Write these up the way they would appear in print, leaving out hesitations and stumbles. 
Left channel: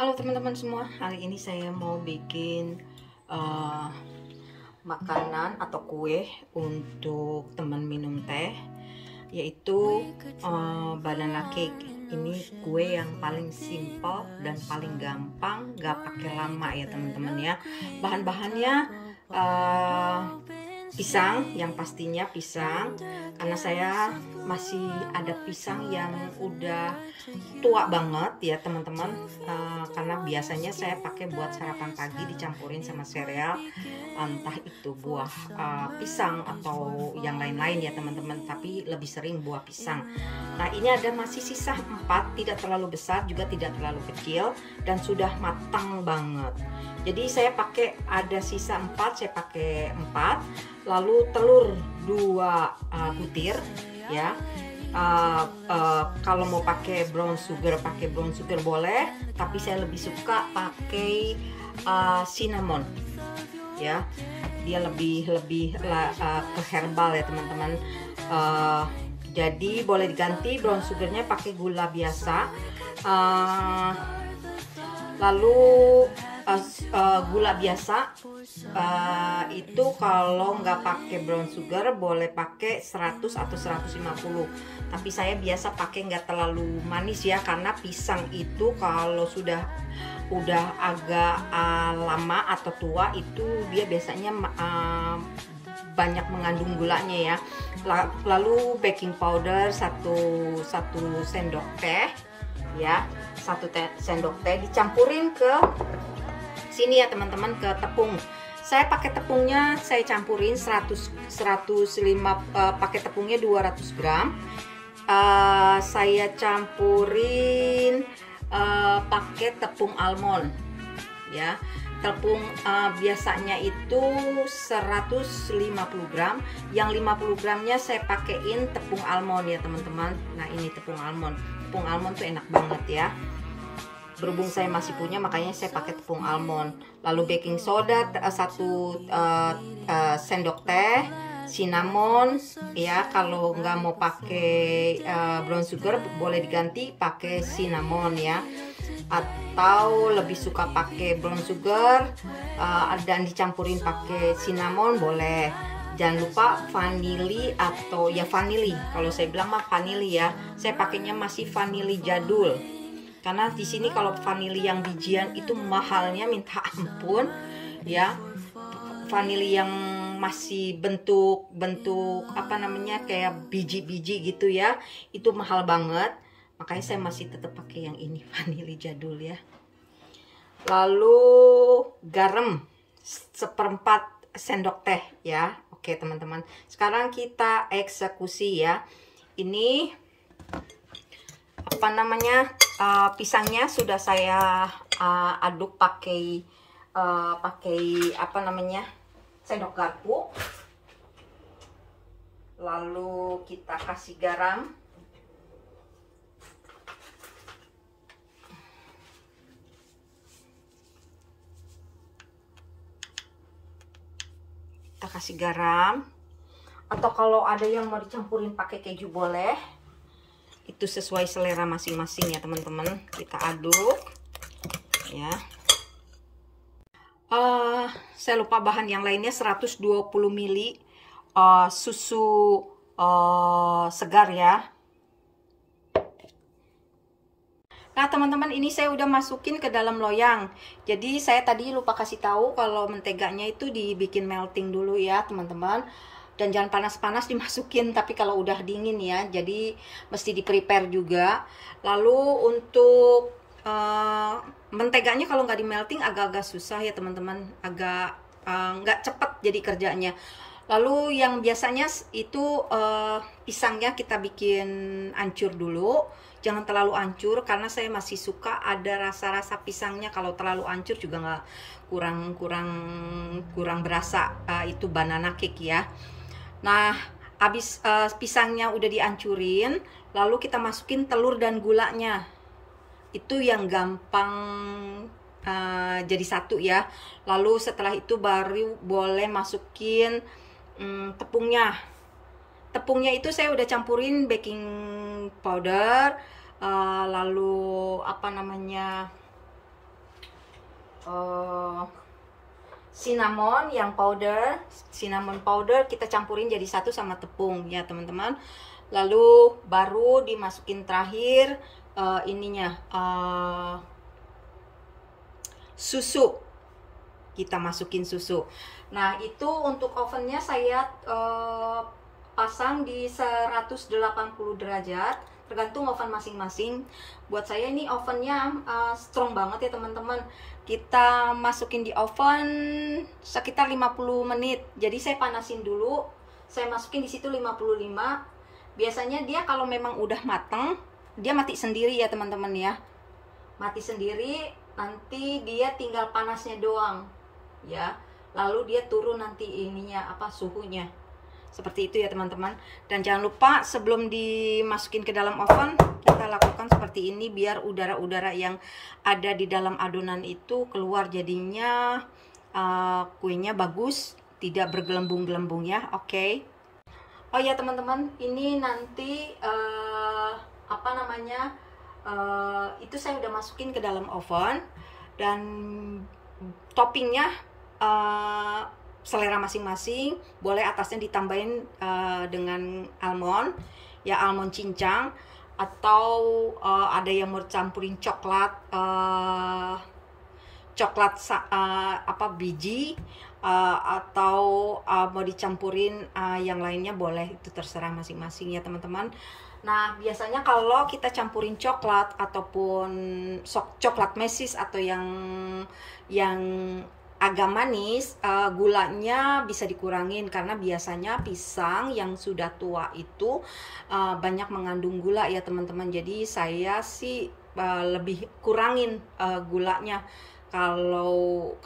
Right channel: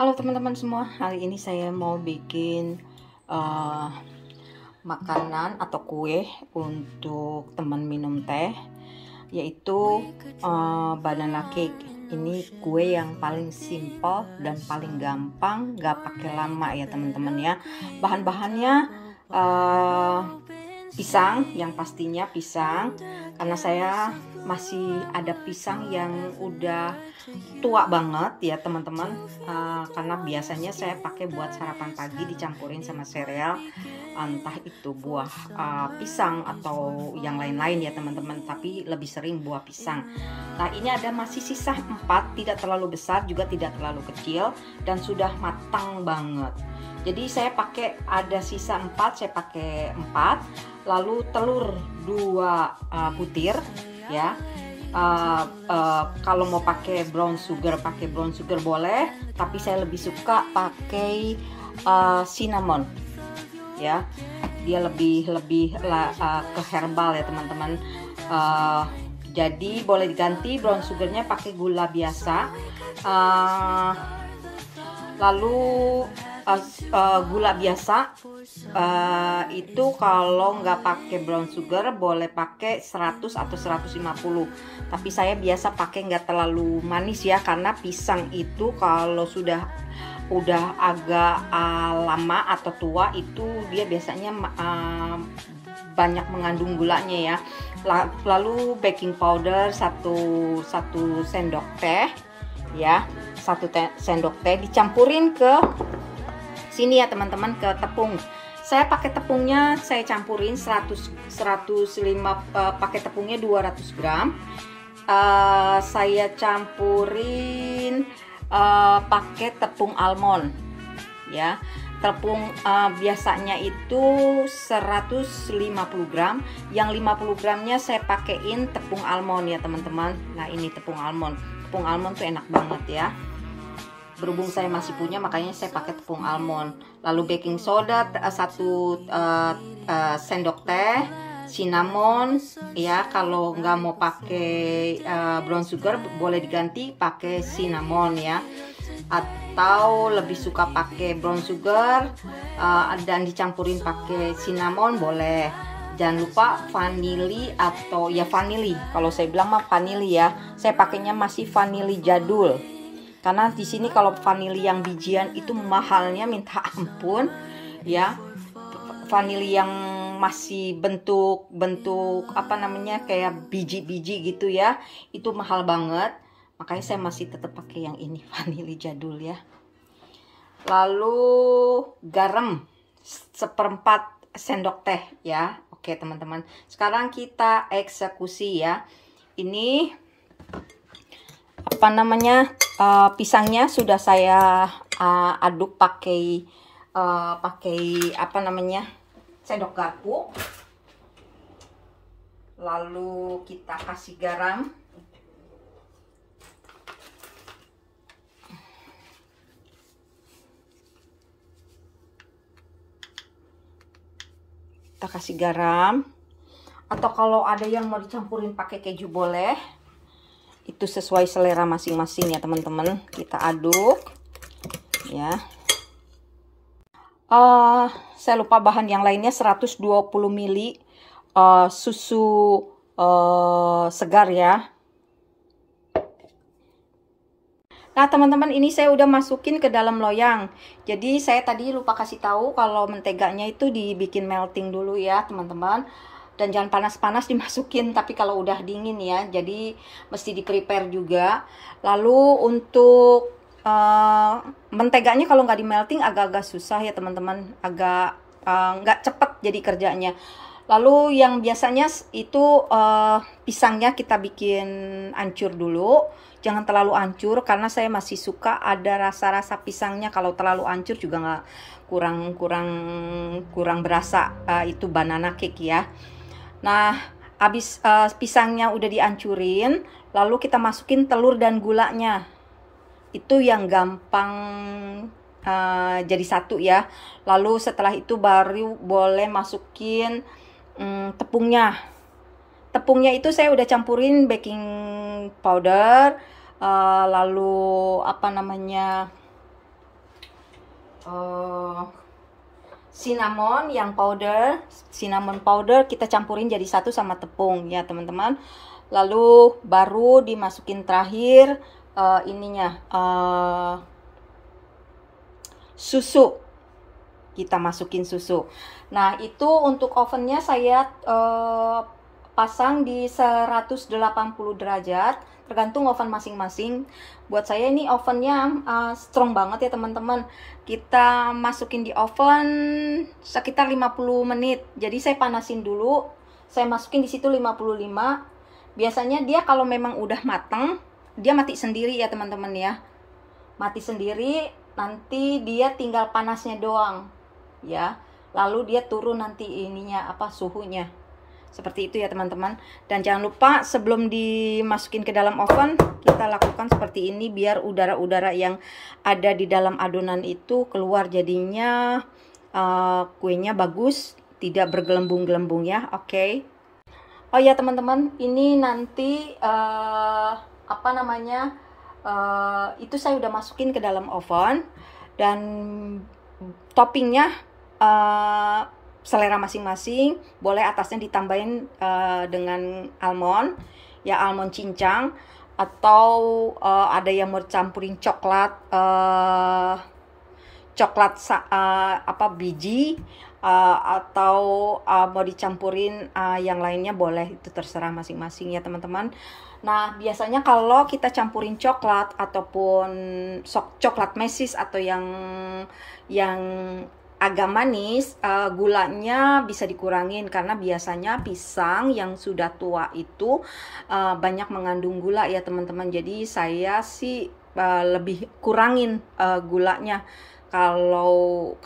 Halo teman-teman semua, hari ini saya mau bikin makanan atau kue untuk teman minum teh, yaitu banana cake. Ini kue yang paling simple dan paling gampang, gak pakai lama ya teman-teman ya. Bahan-bahannya pisang, yang pastinya pisang, karena saya masih ada pisang yang udah tua banget ya teman-teman, karena biasanya saya pakai buat sarapan pagi dicampurin sama sereal, entah itu buah pisang atau yang lain-lain ya teman-teman, tapi lebih sering buah pisang. Nah, ini ada masih sisa 4, tidak terlalu besar juga tidak terlalu kecil, dan sudah matang banget. Jadi saya pakai ada sisa 4, saya pakai 4, lalu telur 2 butir ya. Kalau mau pakai brown sugar boleh, tapi saya lebih suka pakai cinnamon ya, dia lebih ke herbal ya teman-teman. Jadi boleh diganti brown sugarnya pakai gula biasa, lalu gula biasa itu kalau nggak pakai brown sugar boleh pakai 100 atau 150, tapi saya biasa pakai nggak terlalu manis ya, karena pisang itu kalau udah agak lama atau tua itu dia biasanya banyak mengandung gulanya ya. Lalu baking powder 1 sendok teh ya, 1 sendok teh dicampurin ke sini ya teman-teman, ke tepung. Saya pakai tepungnya, saya campurin 105, pakai tepungnya 200 gram. Saya campurin pakai tepung almond ya. Tepung biasanya itu 150 gram, yang 50 gramnya saya pakein tepung almond ya teman-teman. Nah, ini tepung almond tuh enak banget ya. Berhubung saya masih punya, makanya saya pakai tepung almond. Lalu baking soda 1 sendok teh, cinnamon ya. Kalau nggak mau pakai brown sugar boleh diganti pakai cinnamon ya, atau lebih suka pakai brown sugar dan dicampurin pakai cinnamon boleh. Jangan lupa vanili atau ya vanili, kalau saya bilang mah vanili ya. Saya pakainya masih vanili jadul, karena di sini kalau vanili yang bijian itu mahalnya minta ampun ya. Vanili yang masih bentuk apa namanya, kayak biji-biji gitu ya, itu mahal banget. Makanya saya masih tetap pakai yang ini, vanili jadul ya. Lalu garam 1/4 sendok teh ya. Oke teman-teman, sekarang kita eksekusi ya. Ini apa namanya, pisangnya sudah saya aduk pakai apa namanya, sendok garpu. Lalu kita kasih garam, atau kalau ada yang mau dicampurin pakai keju boleh, itu sesuai selera masing-masing ya teman-teman. Kita aduk ya. Saya lupa bahan yang lainnya, 120 ml susu segar ya. Nah teman-teman, ini saya udah masukin ke dalam loyang. Jadi saya tadi lupa kasih tahu kalau menteganya itu dibikin melting dulu ya teman-teman. Dan jangan panas-panas dimasukin, tapi kalau udah dingin ya. Jadi mesti di prepare juga. Lalu untuk menteganya kalau nggak di melting agak-agak susah ya teman-teman. Agak nggak cepet jadi kerjanya. Lalu yang biasanya itu pisangnya kita bikin hancur dulu. Jangan terlalu hancur, karena saya masih suka ada rasa-rasa pisangnya. Kalau terlalu hancur juga nggak, kurang berasa itu banana cake ya. Nah, habis pisangnya udah dihancurin, lalu kita masukin telur dan gulanya. Itu yang gampang jadi satu ya. Lalu setelah itu baru boleh masukin tepungnya. Tepungnya itu saya udah campurin baking powder, lalu apa namanya, cinnamon yang powder, cinnamon powder kita campurin jadi satu sama tepung ya teman-teman. Lalu baru dimasukin terakhir susu. Kita masukin susu. Nah, itu untuk ovennya saya pasang di 180 derajat, tergantung oven masing-masing. Buat saya ini ovennya strong banget ya teman-teman. Kita masukin di oven sekitar 50 menit. Jadi saya panasin dulu. Saya masukin di situ 55. Biasanya dia kalau memang udah mateng, dia mati sendiri ya teman-teman ya. Mati sendiri, nanti dia tinggal panasnya doang. Ya. Lalu dia turun nanti suhunya. Seperti itu ya teman-teman. Dan jangan lupa sebelum dimasukin ke dalam oven, kita lakukan seperti ini biar udara-udara yang ada di dalam adonan itu keluar, jadinya kuenya bagus, tidak bergelembung-gelembung ya. Oke. Oh ya teman-teman, ini nanti itu saya udah masukin ke dalam oven, dan toppingnya selera masing-masing. Boleh atasnya ditambahin dengan almond ya, almond cincang, atau ada yang mau campurin coklat biji, atau mau dicampurin yang lainnya, boleh, itu terserah masing-masing ya teman-teman. Nah, biasanya kalau kita campurin coklat ataupun coklat mesis atau yang agak manis, gulanya bisa dikurangin, karena biasanya pisang yang sudah tua itu banyak mengandung gula ya teman-teman. Jadi saya sih lebih kurangin gulanya kalau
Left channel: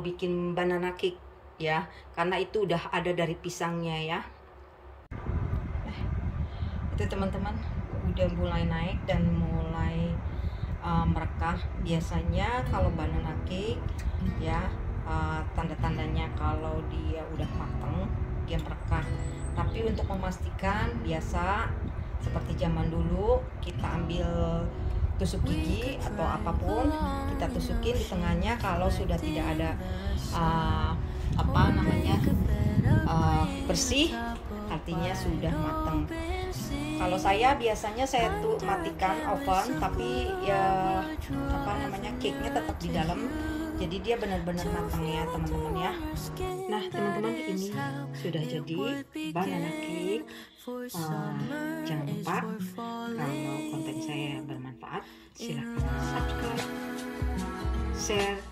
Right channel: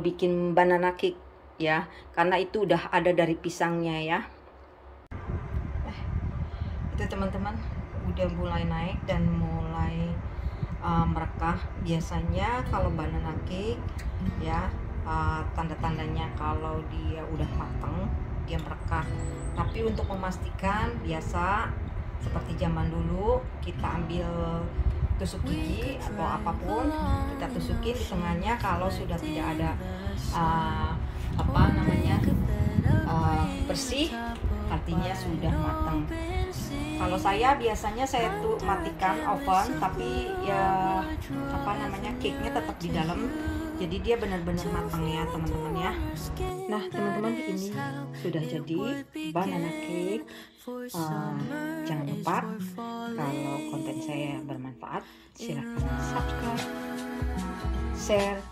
bikin banana cake ya, karena itu udah ada dari pisangnya ya. Itu teman-teman udah mulai naik dan mulai merekah. Biasanya kalau banana cake ya, tanda-tandanya kalau dia udah mateng, dia merekah. Tapi untuk memastikan, biasa seperti zaman dulu, kita ambil tusuk gigi atau apapun, kita tusukin di tengahnya. Kalau sudah tidak ada bersih, artinya sudah matang. Kalau saya biasanya tuh matikan oven, tapi ya cake-nya tetap di dalam, jadi dia benar-benar matang ya teman-teman ya. Nah teman-teman, ini sudah jadi banana cake. Jangan lupa, kalau konten saya bermanfaat, silahkan subscribe, share,